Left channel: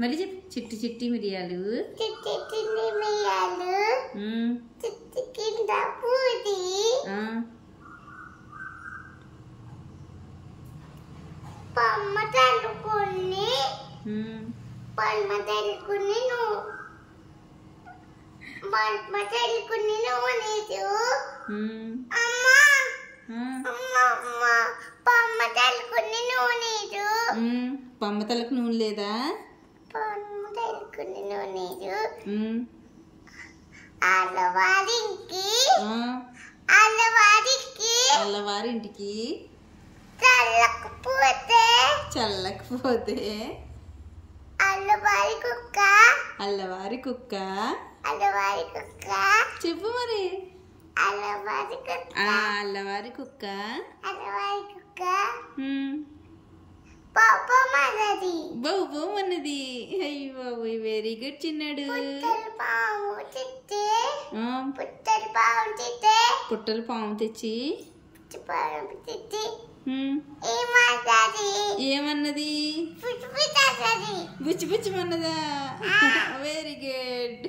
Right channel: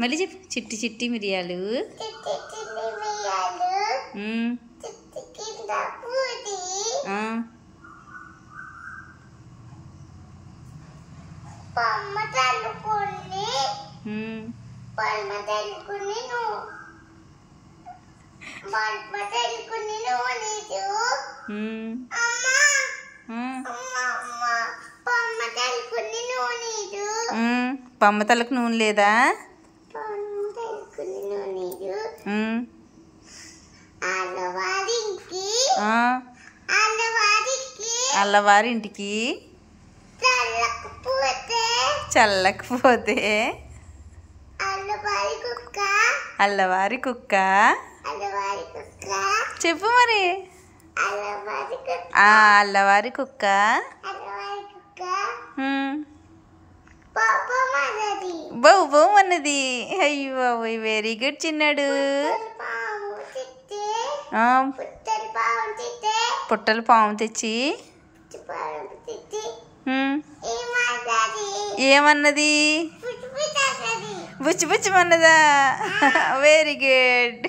మళ్ళీ చెప్పు. చిట్టి చిట్టి మిరియాలు. పమ్మ తలకు నూనె లేదా? అల్లవారింటికి చల్లకపోతే అల్లవారి కుక్క. చెప్పు మరి. అల్లవారి కుక్క బౌ బౌ అన్నది. అయ్యో వెరీ గుడ్ చిన్నాడు. పుట్టలు పాము తెచ్చి ఏమన్నది? బుచ్చి బుచ్చిమన్నదా? Very good.